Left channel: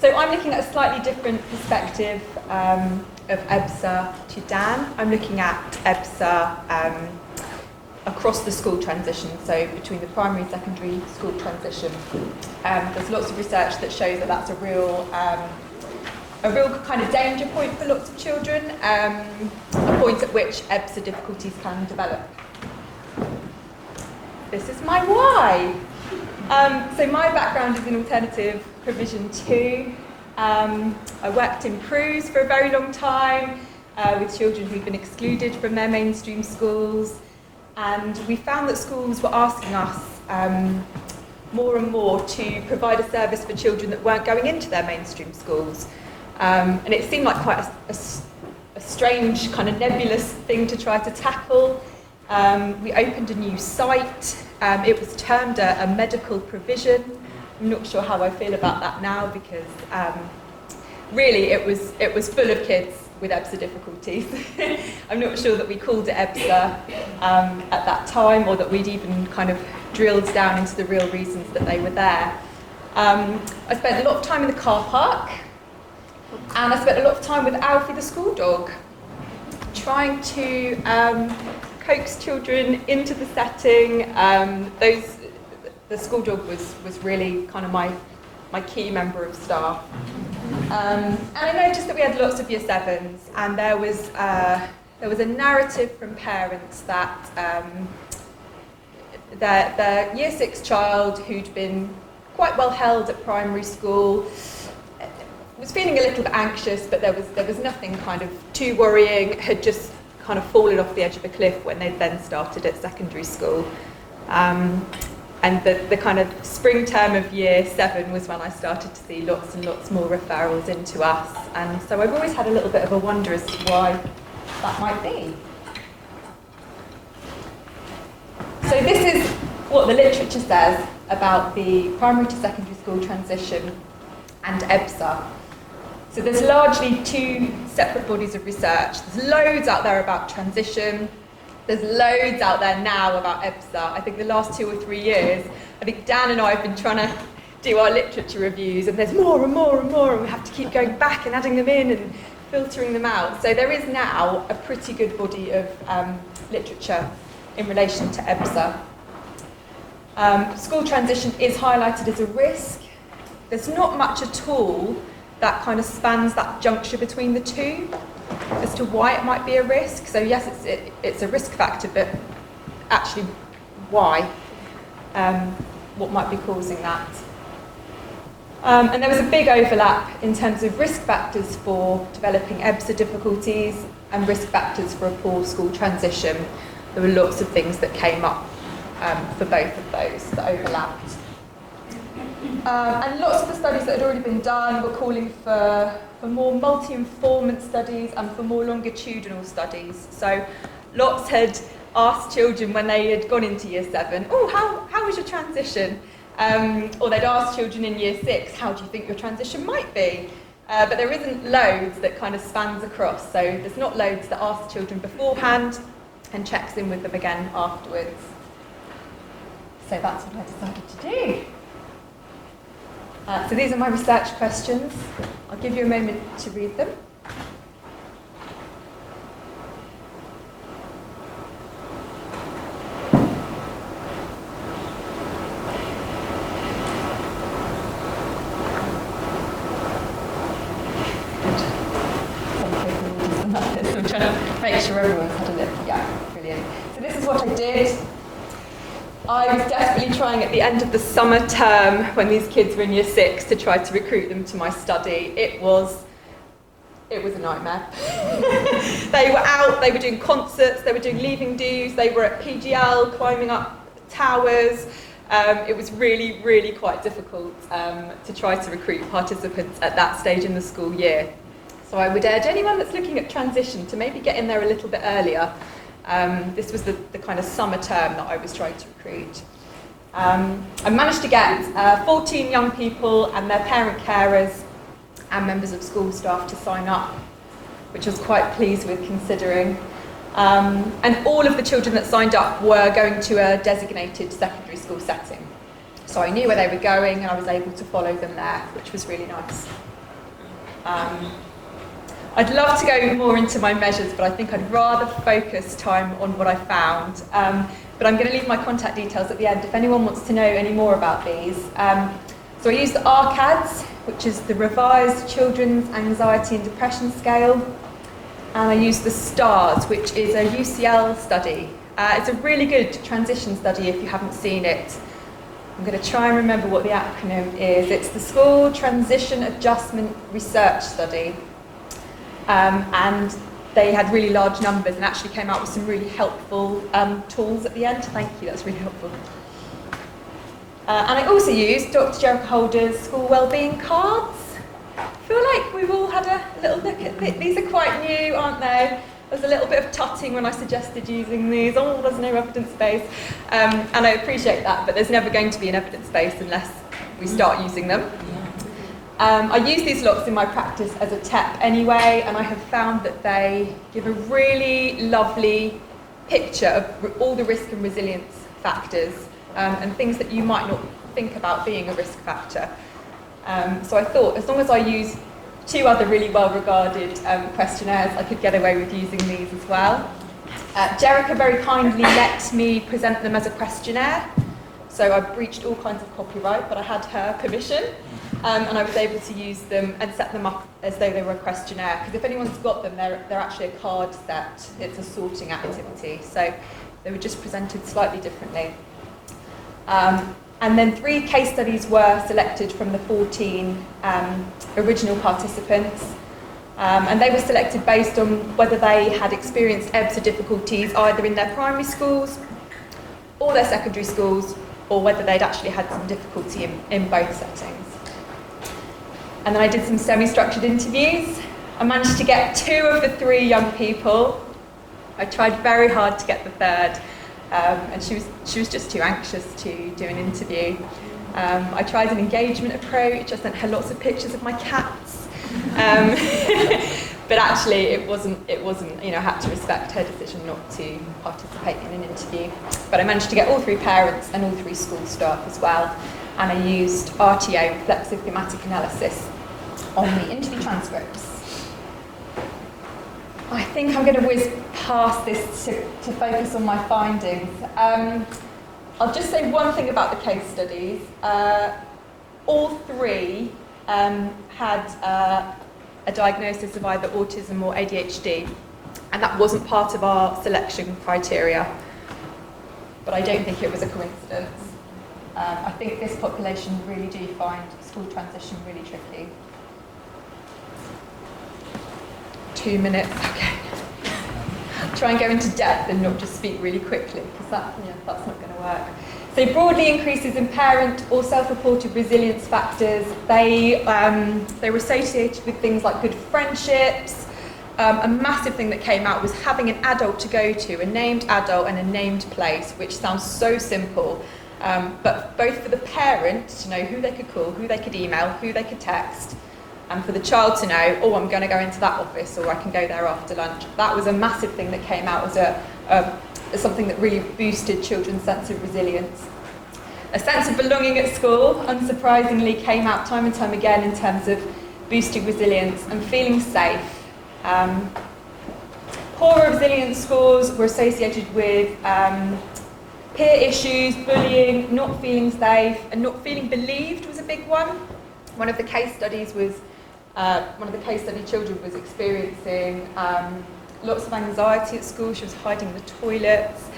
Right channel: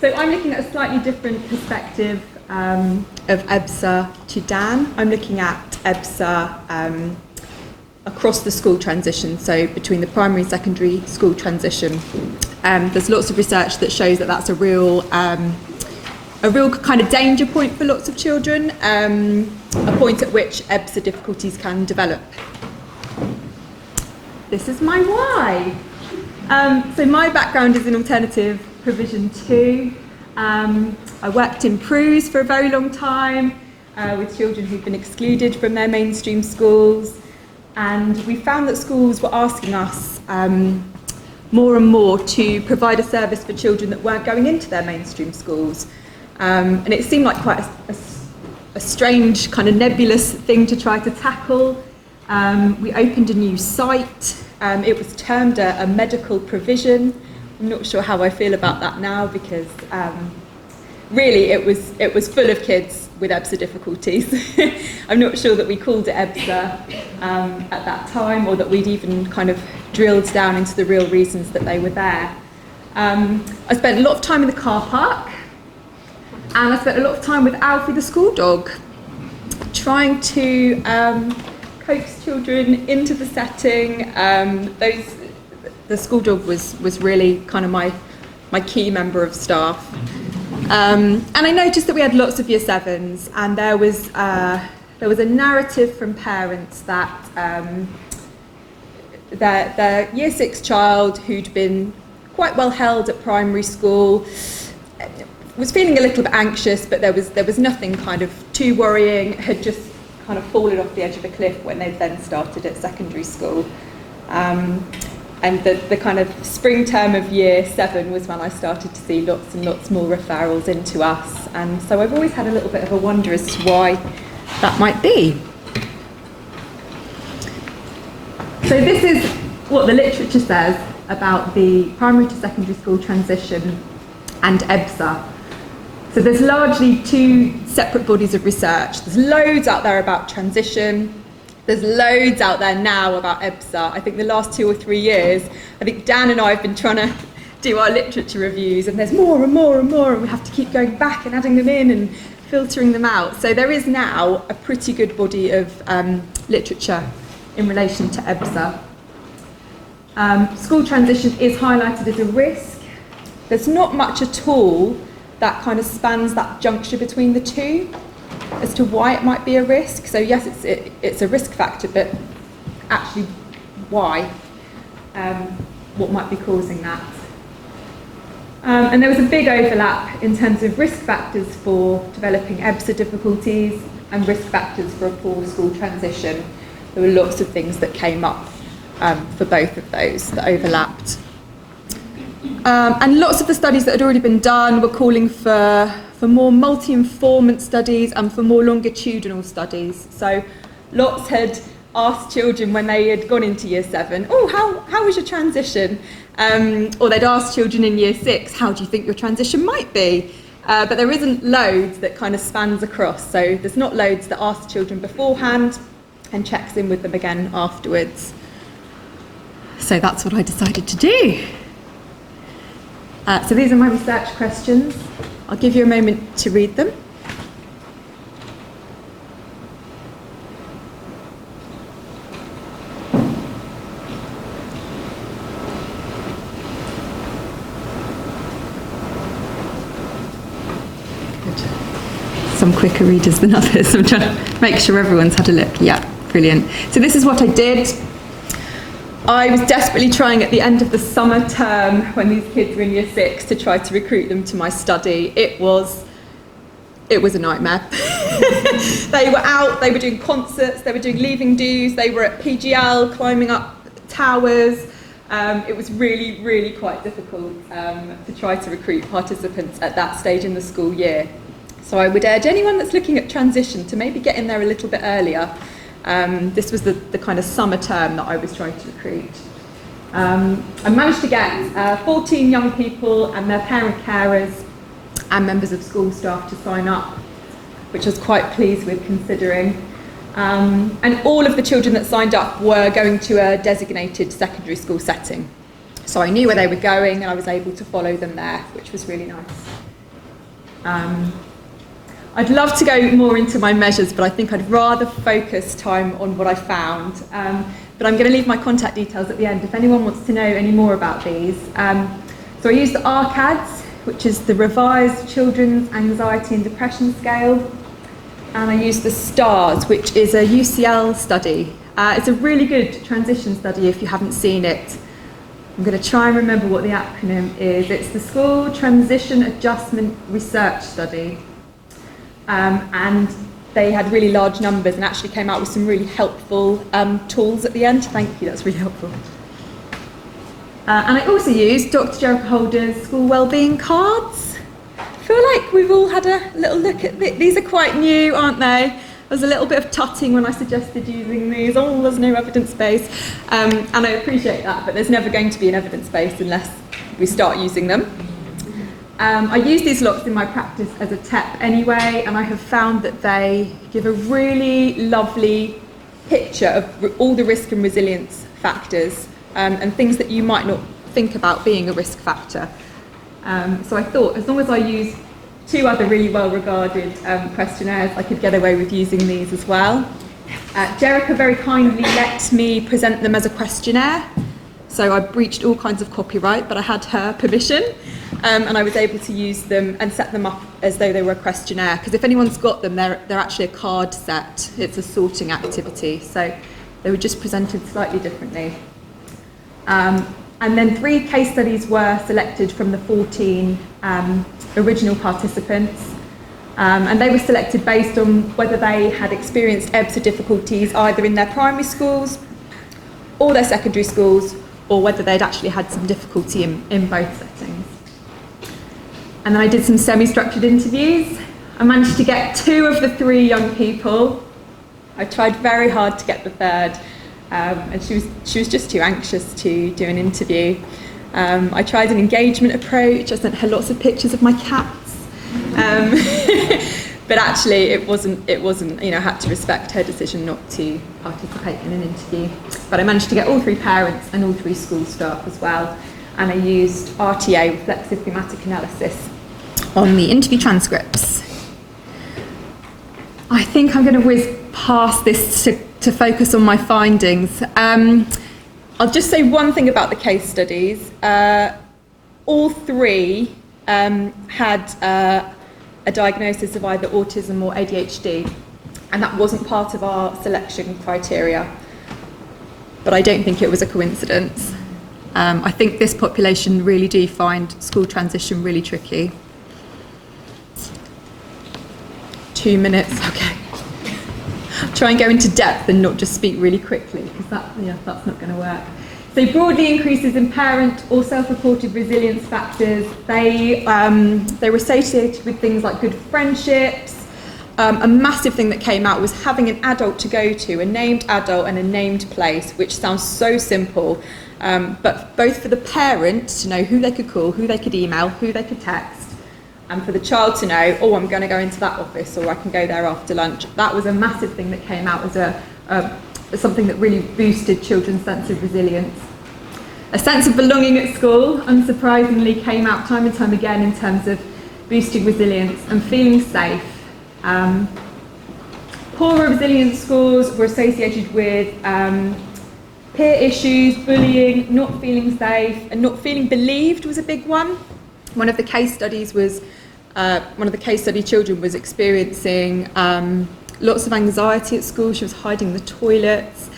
So I'm looking at a slightly different perspective of EBSA to Dan. I'm looking at EBSA across the school transition, so between the primary and secondary school transition. There's lots of research that shows that that's a real kind of danger point for lots of children, a point at which EBSA difficulties can develop. This is my why. So my background is in alternative provision too. I worked in PRUs for a very long time with children who've been excluded from their mainstream schools, and we found that schools were asking us more and more to provide a service for children that weren't going into their mainstream schools. And it seemed like quite a strange, kind of nebulous thing to try to tackle. We opened a new site. It was termed a medical provision. I'm not sure how I feel about that now, because really it was full of kids with EBSA difficulties. I'm not sure that we called it EBSA at that time, or that we'd even kind of drilled down into the real reasons that they were there. I spent a lot of time in the car park, and I spent a lot of time with Alfie the school dog, trying to coax children into the setting. The school dog was really kind of my key member of staff. And I noticed that we had lots of year sevens, and there was a narrative from parents that their year six child, who'd been quite well held at primary school, was feeling a little bit anxious, but there was nothing kind of too worrying, had just kind of fallen off the edge of a cliff when they'd then started at secondary school. And the kind of spring term of year 7 was when I started to see lots and lots more referrals into us. And so I've always had a little bit of a wonder as to why that might be. So this is what the literature says about the primary to secondary school transition and EBSA. So there's largely 2 separate bodies of research. There's loads out there about transition. There's loads out there now about EBSA. I think the last 2 or 3 years, I think Dan and I have been trying to do our literature reviews, and there's more and more and more, and we have to keep going back and adding them in and filtering them out. So there is now a pretty good body of literature in relation to EBSA. School transition is highlighted as a risk. There's not much at all that kind of spans that juncture between the two as to why it might be a risk. So yes, it's a risk factor, but actually why? What might be causing that? And there was a big overlap in terms of risk factors for developing EBSA difficulties and risk factors for a poor school transition. There were lots of things that came up for both of those that overlapped. And lots of the studies that had already been done were calling for more multi-informant studies and for more longitudinal studies. So lots had asked children when they had gone into year 7, oh, how was your transition? Or they'd asked children in year 6, how do you think your transition might be? But there isn't loads that kind of spans across. So there's not loads that asks children beforehand and checks in with them again afterwards. So that's what I decided to do. So these are my research questions. I'll give you a moment to read them. Some quicker readers than others. I'm trying to make sure everyone's had a look. Yeah, brilliant. So this is what I did. I was desperately trying at the end of the summer term, when these kids were in year 6, to try to recruit them to my study. It was a nightmare. They were out, they were doing concerts, they were doing leaving do's, they were at PGL, climbing up towers. It was really, really quite difficult to try to recruit participants at that stage in the school year. So I would urge anyone that's looking at transition to maybe get in there a little bit earlier. This was the kind of summer term that I was trying to recruit. I managed to get 14 young people and their parent carers and members of school staff to sign up, which I was quite pleased with considering. And all of the children that signed up were going to a designated secondary school setting. So I knew where they were going and I was able to follow them there, which was really nice. I'd love to go more into my measures, but I think I'd rather focus time on what I found. But I'm going to leave my contact details at the end if anyone wants to know any more about these. So I used the RCADS, which is the Revised Children's Anxiety and Depression Scale, and I used the STARS, which is a UCL study. It's a really good transition study if you haven't seen it. I'm going to try and remember what the acronym is. It's the School Transition Adjustment Research Study. And they had really large numbers and actually came out with some really helpful tools at the end. Thank you, that's really helpful. And I also used Dr. Jericho Holder's school wellbeing cards. I feel like we've all had a little look at these. Are quite new, aren't they? There was a little bit of tutting when I suggested using these. Oh, there's no evidence base. And I appreciate that, but there's never going to be an evidence base unless we start using them. I use these lots in my practice as a TEP anyway, and I have found that they give a really lovely picture of all the risk and resilience factors and things that you might not think about being a risk factor. So I thought as long as I use 2 other really well-regarded questionnaires, I could get away with using these as well. Jericho very kindly let me present them as a questionnaire, so I breached all kinds of copyright, but I had her permission. And I was able to use them and set them up as though they were a questionnaire, because if anyone's got them, they're actually a card set. It's a sorting activity, so they were just presented slightly differently. And then 3 case studies were selected from the 14 original participants, and they were selected based on whether they had experienced EBSA difficulties either in their primary schools or their secondary schools, or whether they'd actually had some difficulty in both settings. And then I did some semi-structured interviews. I managed to get 2 of the 3 young people. I tried very hard to get the 3rd, and she was just too anxious to do an interview. I tried an engagement approach. I sent her lots of pictures of my cats, but actually it wasn't. You know, I had to respect her decision not to participate in an interview. But I managed to get all 3 parents and all 3 school staff as well. And I used RTA, reflexive thematic analysis, on the interview transcripts. I think I'm going to whiz past this to focus on my findings. I'll just say one thing about the case studies. All 3 had a diagnosis of either autism or ADHD, and that wasn't part of our selection criteria. But I don't think it was a coincidence. I think this population really do find school transition really tricky. 2 minutes, okay. Try and go into depth and not just speak really quickly, because that's not going to work. So broadly, increases in parent or self-reported resilience factors, they were associated with things like good friendships. A massive thing that came out was having an adult to go to, a named adult and a named place, which sounds so simple. But both for the parent to know who they could call, who they could email, who they could text, and for the child to know, oh, I'm going to go into that office, or I can go there after lunch. That was a massive thing that came out as something that really boosted children's sense of resilience. A sense of belonging at school, unsurprisingly, came out time and time again in terms of boosting resilience and feeling safe. Poorer resilience scores were associated with peer issues, bullying, not feeling safe, and not feeling believed was a big one. One of the case study children was experiencing lots of anxiety at school. She was hiding the toilets,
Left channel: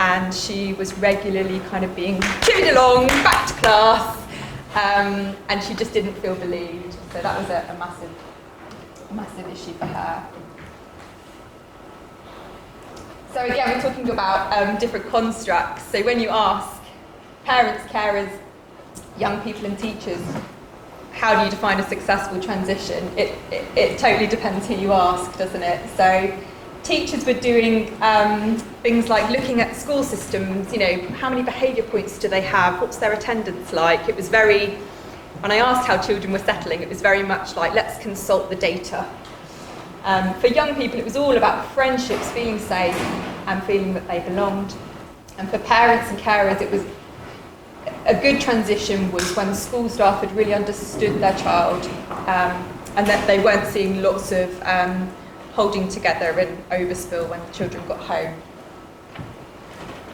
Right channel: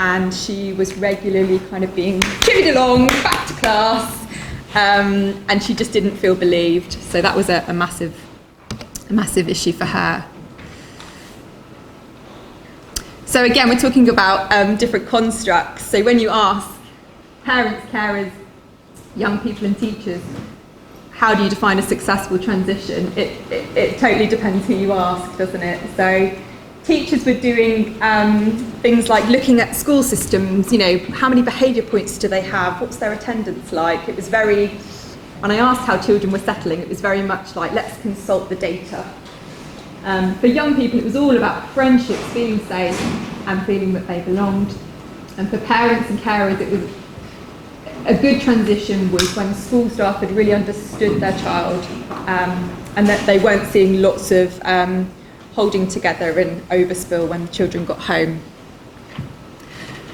and she was regularly kind of being carried along back to class, and she just didn't feel believed. So that was a massive issue for her. So again, we're talking about different constructs. So when you ask parents, carers, young people and teachers, how do you define a successful transition? It totally depends who you ask, doesn't it? So teachers were doing things like looking at school systems, you know, how many behaviour points do they have? What's their attendance like? It was very, when I asked how children were settling, it was very much like, let's consult the data. For young people, it was all about friendships, feeling safe and feeling that they belonged. And for parents and carers, it was a good transition was when the school staff had really understood their child, and that they weren't seeing lots of holding together and overspill when the children got home.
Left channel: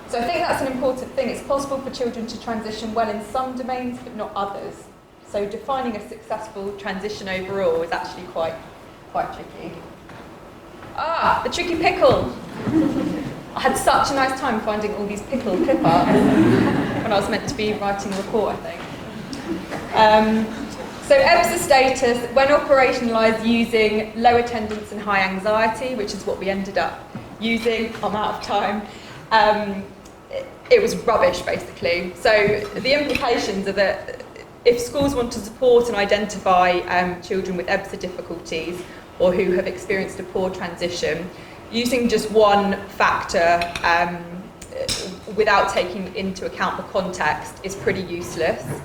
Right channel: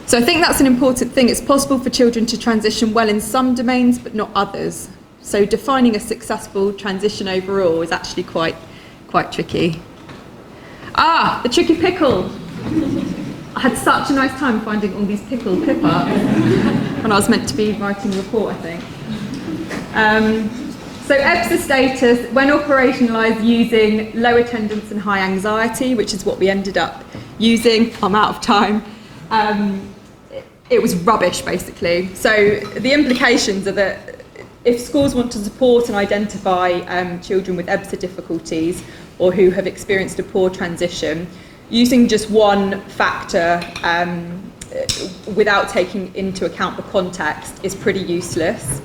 So I think that's an important thing. It's possible for children to transition well in some domains, but not others. So defining a successful transition overall is actually quite tricky. The tricky pickle. I had such a nice time finding all these pickle clip-ups when I was meant to be writing a report, I think. So EBSA status, when operationalised using low attendance and high anxiety, which is what we ended up using, I'm out of time, it was rubbish, basically. So the implications are that if schools want to support and identify children with EBSA difficulties or who have experienced a poor transition, using just one factor without taking into account the context is pretty useless.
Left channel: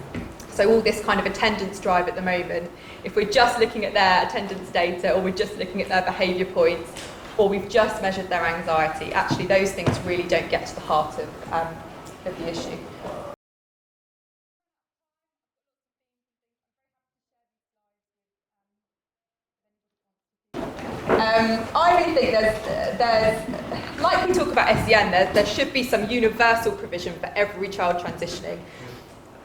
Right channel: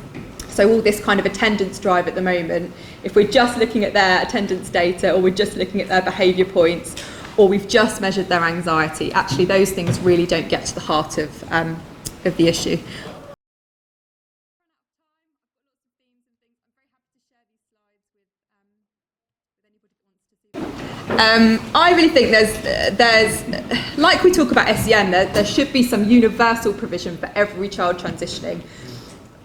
So all this kind of attendance drive at the moment, if we're just looking at their attendance data or we're just looking at their behaviour points or we've just measured their anxiety, actually those things really don't get to the heart of the issue. I really think there's like we talk about SEN, there should be some universal provision for every child transitioning.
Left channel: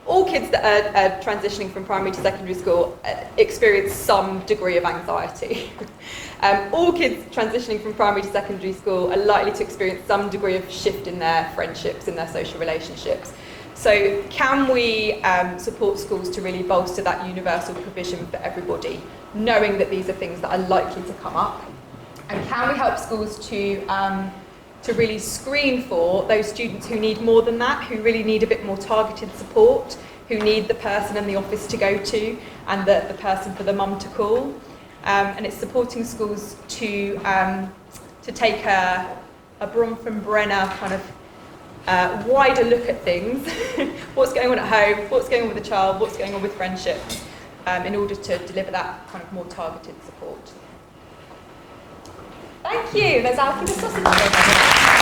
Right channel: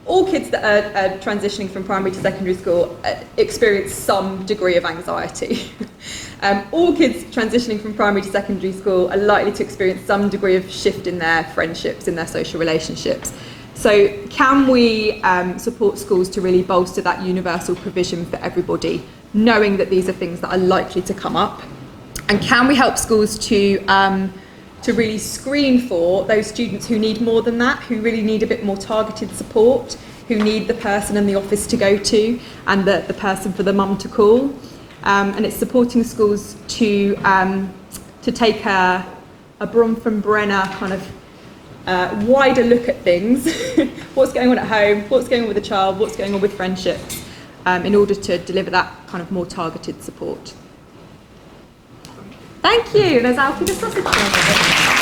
All kids that are transitioning from primary to secondary school experience some degree of anxiety. All kids transitioning from primary to secondary school are likely to experience some degree of shift in their friendships, in their social relationships. So can we support schools to really bolster that universal provision for everybody, knowing that these are things that are likely to come up? And can we help schools to really screen for those students who need more than that, who really need a bit more targeted support, who need the person in the office to go to and the person for the mum to call? And it's supporting schools to take a Bronfenbrenner kind of wider look at things. What's going on at home, what's going on with the child, what's going on with friendships, in order to deliver that kind of more targeted support. Thank you. There's Alfie the sausage.